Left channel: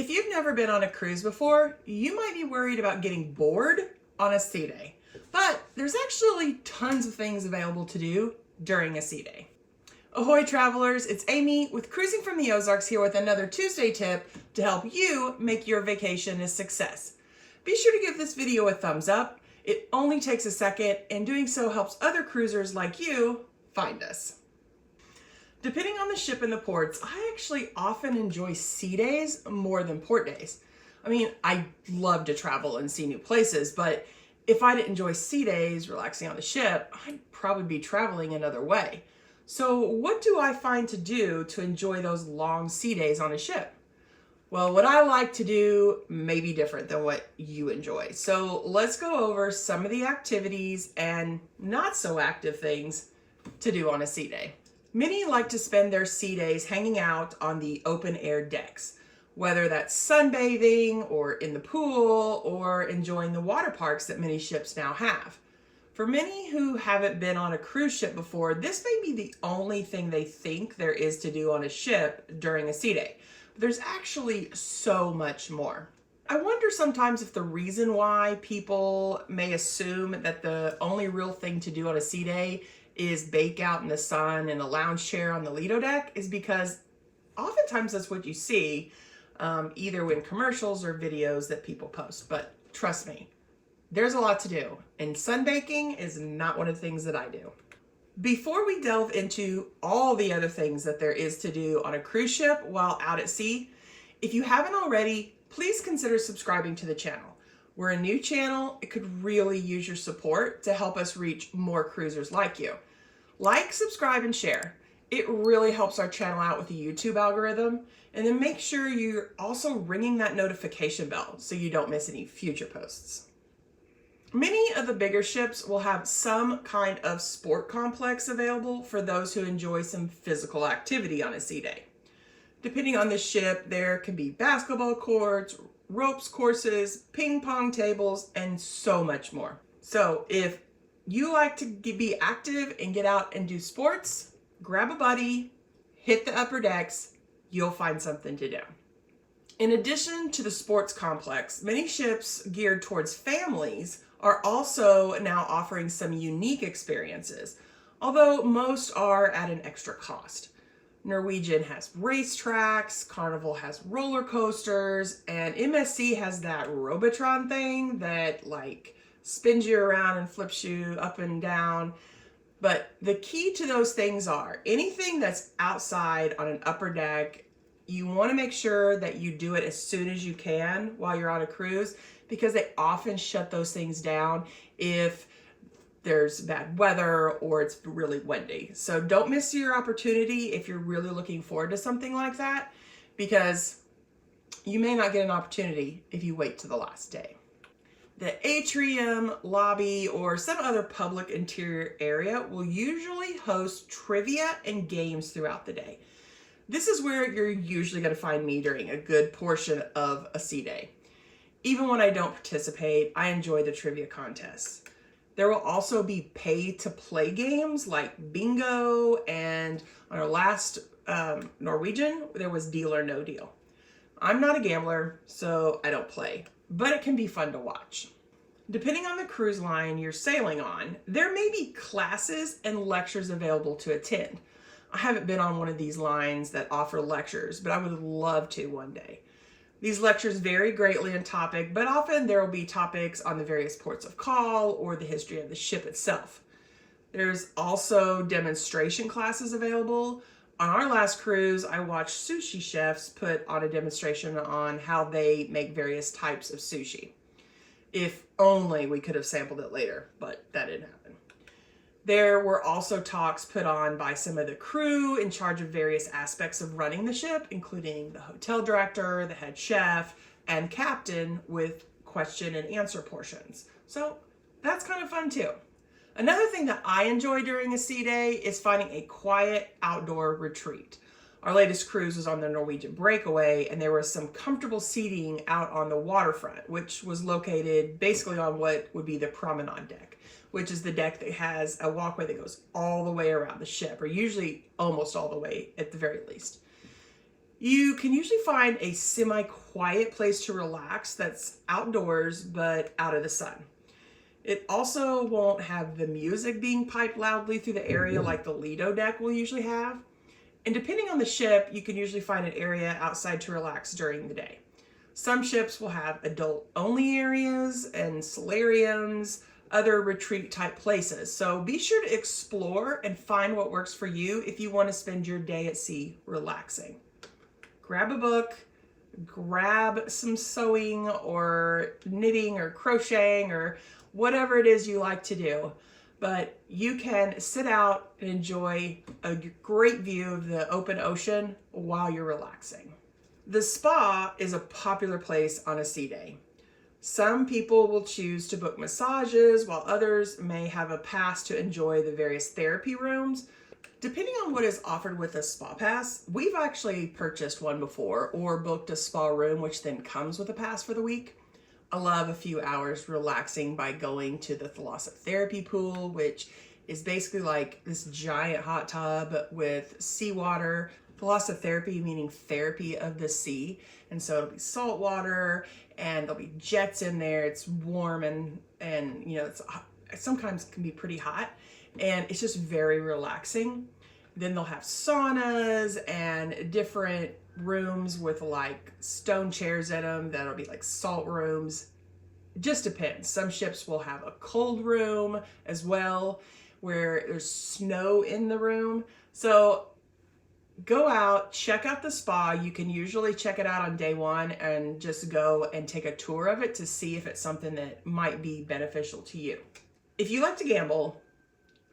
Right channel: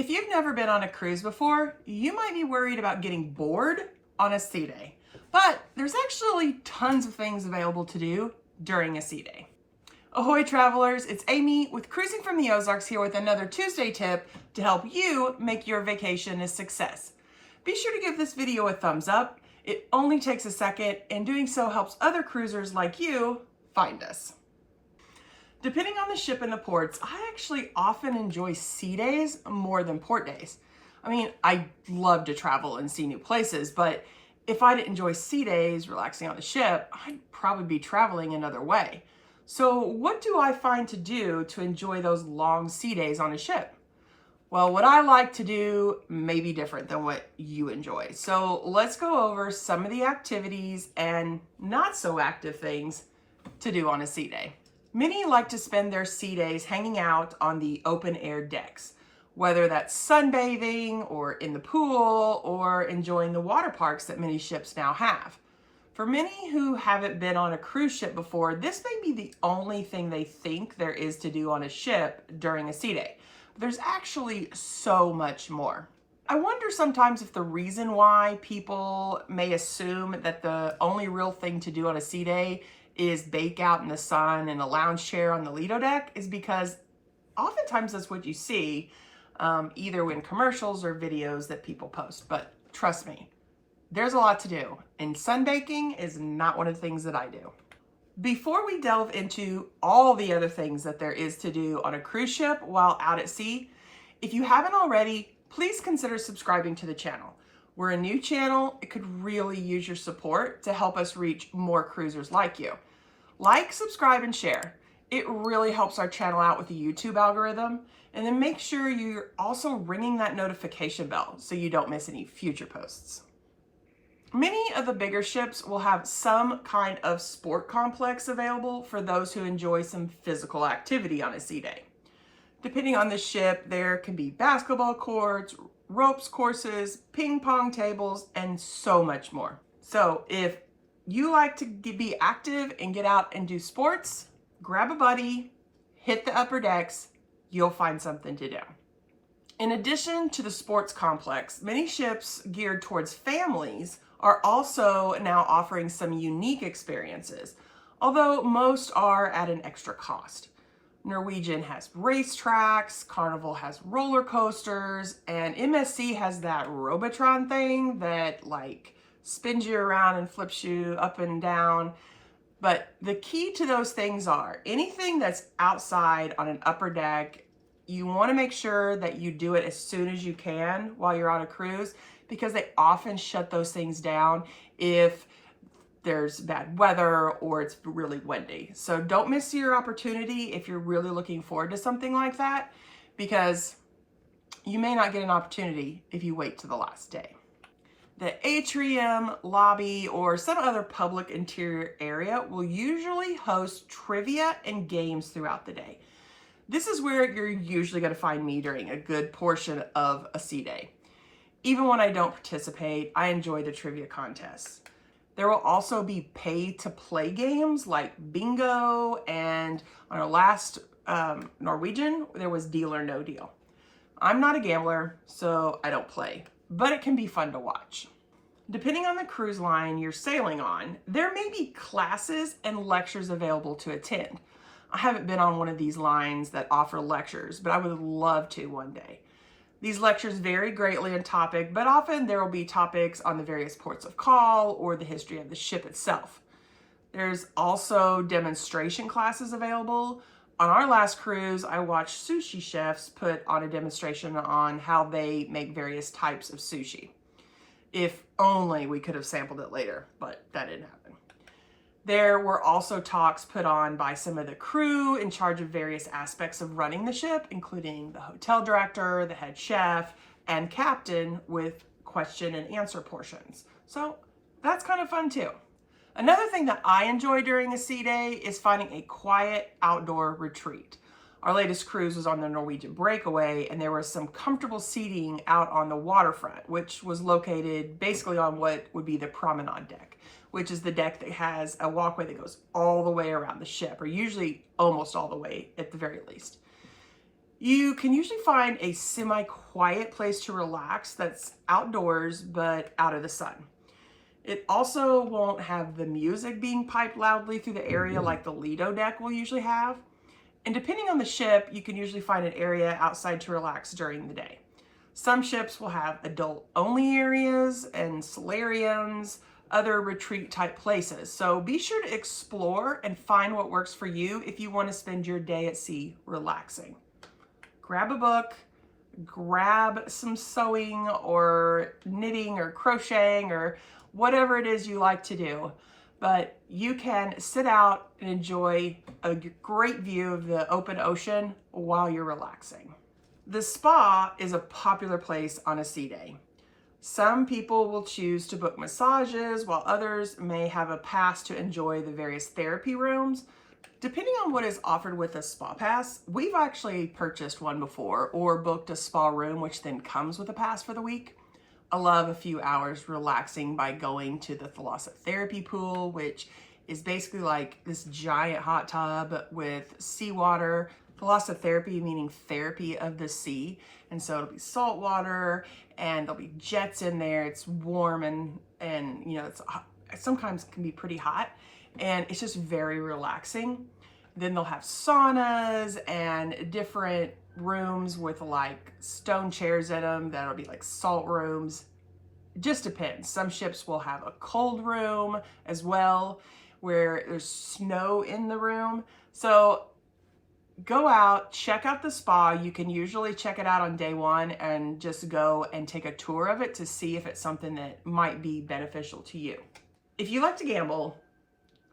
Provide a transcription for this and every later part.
If you've never been on a cruise before, you might be worried about getting bored on a sea day. But there's actually tons of things available to do during a sea day. Ahoy travelers, it's Amy with Cruising from the Ozarks here with another Tuesday tip to help you make your vacation a success. Be sure to give this video a thumbs up. It only takes a second, and doing so helps other cruisers like you find us. Depending on the ship and the ports, I actually often enjoy sea days more than port days. I mean, I love to travel and see new places, but if I didn't enjoy sea days relaxing on the ship, I'd probably be traveling another way. So what do I find to do to enjoy those long sea days on a ship? Well, what I like to do may be different than what you enjoy. So let's go over some of the activities and not so active things to do on a sea day. Many like to spend their sea days hanging out on the open air decks, whether that's sunbathing or in the pool or enjoying the water parks that many ships now have. For many who haven't been on a cruise ship before, this may be the only thing they think there is to do on a ship during a sea day. But there's actually so much more. I wonder sometimes if the reason why people may assume that the only real thing to do on a sea day is bake out in the sun in a lounge chair on the Lido deck is because oftentimes that's what you see either in commercials or videos that people post. But trust me, there's a lot to do, and sunbaking is not one of the things that I do. Before we delve into all the other things that there is to do on a cruise ship while out at sea, if you haven't already, please consider subscribing to the channel. We're a new channel. It could really use your support to help us reach more cruisers like you. Like, subscribe, and share. It really helps our channel out with the YouTube algorithm. And then make sure you're also ringing that notification bell so you don't miss any future posts. Many of the bigger ships will have some kind of sport complex available for those who enjoy some physical activity on a sea day. Depending on the ship, there can be basketball courts, ropes courses, ping pong tables, and so much more. So if you like to be active and get out and do sports, grab a buddy, hit the upper decks, you'll find something to do. In addition to the sports complex, many ships geared towards families are also now offering some unique experiences, although most are at an extra cost. Norwegian has racetracks, Carnival has roller coasters, and MSC has that Robotron thing that like spins you around and flips you up and down. But the key to those things are anything that's outside on an upper deck, you want to make sure that you do it as soon as you can while you're on a cruise, because they often shut those things down if there's bad weather or it's really windy. So don't miss your opportunity if you're really looking forward to something like that, because you may not get an opportunity if you wait to the last day. The atrium, lobby, or some other public interior area will usually host trivia and games throughout the day. This is where you're usually going to find me during a good portion of a sea day. Even when I don't participate, I enjoy the trivia contests. There will also be pay-to-play games like bingo, and on our last Norwegian, there was Deal or No Deal. I'm not a gambler, so I don't play, but it can be fun to watch. Depending on the cruise line you're sailing on, there may be classes and lectures available to attend. I haven't been on one of these lines that offer lectures, but I would love to one day. These lectures vary greatly in topic, but often there will be topics on the various ports of call or the history of the ship itself. There's also demonstration classes available. On our last cruise, I watched sushi chefs put on a demonstration on how they make various types of sushi. If only we could have sampled it later, but that didn't happen. There were also talks put on by some of the crew in charge of various aspects of running the ship, including the hotel director, the head chef, and captain, with question and answer portions. So that's kind of fun too. Another thing that I enjoy during a sea day is finding a quiet outdoor retreat. Our latest cruise was on the Norwegian Breakaway, and there was some comfortable seating out on the waterfront, which was located basically on what would be the promenade deck, which is the deck that has a walkway that goes all the way around the ship, or usually almost all the way at the very least. You can usually find a semi-quiet place to relax that's outdoors but out of the sun. It also won't have the music being piped loudly through the area like the Lido deck will usually have. And depending on the ship, you can usually find an area outside to relax during the day. Some ships will have adult-only areas and solariums, other retreat-type places. So be sure to explore and find what works for you if you want to spend your day at sea relaxing. Grab a book, grab some sewing or knitting or crocheting or whatever it is you like to do, but you can sit out and enjoy a great view of the open ocean while you're relaxing. The spa is a popular place on a sea day. Some people will choose to book massages while others may have a pass to enjoy the various therapy rooms. Depending on what is offered with a spa pass, we've actually purchased one before or booked a spa room, which then comes with a pass for the week. I love a few hours relaxing by going to the thalassotherapy pool, which is basically like this giant hot tub with seawater. Thalassotherapy meaning therapy of the sea. And so it'll be salt water and there'll be jets in there. It's warm and you know, it's sometimes can be pretty hot and it's just very relaxing. Then they'll have saunas and different rooms with like stone chairs in them that'll be like salt rooms. It just depends. Some ships will have a cold room as well where there's snow in the room. So go out, check out the spa. You can usually check it out on day one and just go and take a tour of it to see if it's something that might be beneficial to you. If you like to gamble,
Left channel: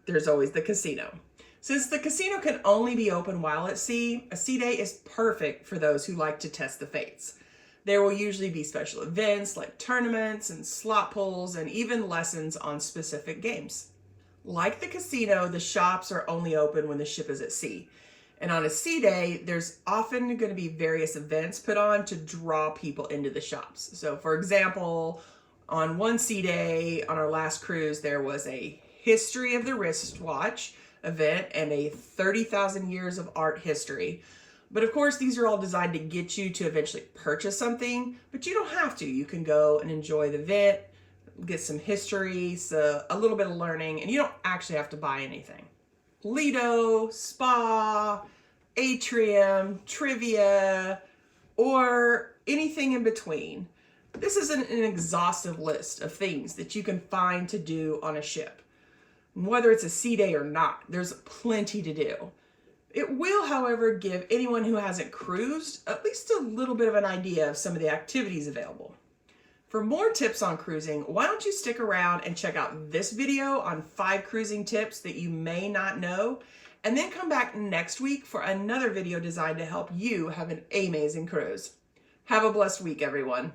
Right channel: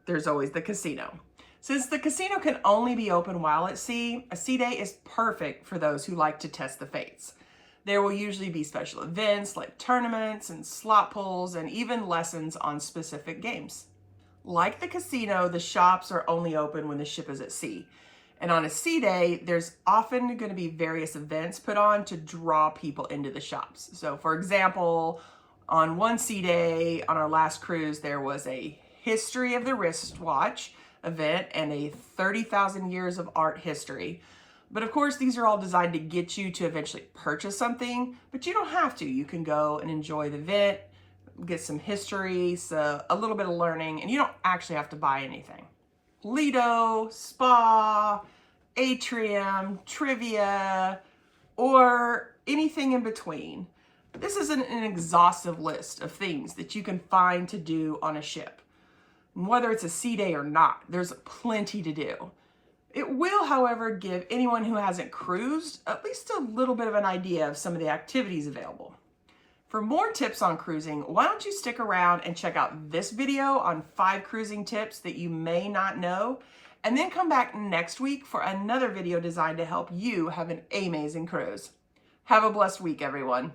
there's always the casino. Since the casino can only be open while at sea, a sea day is perfect for those who like to test the fates. There will usually be special events like tournaments and slot pulls and even lessons on specific games. Like the casino, the shops are only open when the ship is at sea. And on a sea day, there's often going to be various events put on to draw people into the shops. So for example, on one sea day on our last cruise, there was a history of the wristwatch event and a 30,000 years of art history. But of course, these are all designed to get you to eventually purchase something, but you don't have to. You can go and enjoy the event, get some history, so a little bit of learning, and you don't actually have to buy anything. Lido, spa, atrium, trivia, or anything in between. This isn't an exhaustive list of things that you can find to do on a ship. Whether it's a sea day or not, there's plenty to do. It will, however, give anyone who hasn't cruised at least a little bit of an idea of some of the activities available. For more tips on cruising, why don't you stick around and check out this video on 5 cruising tips that you may not know, and then come back next week for another video designed to help you have an amazing cruise. Have a blessed week, everyone.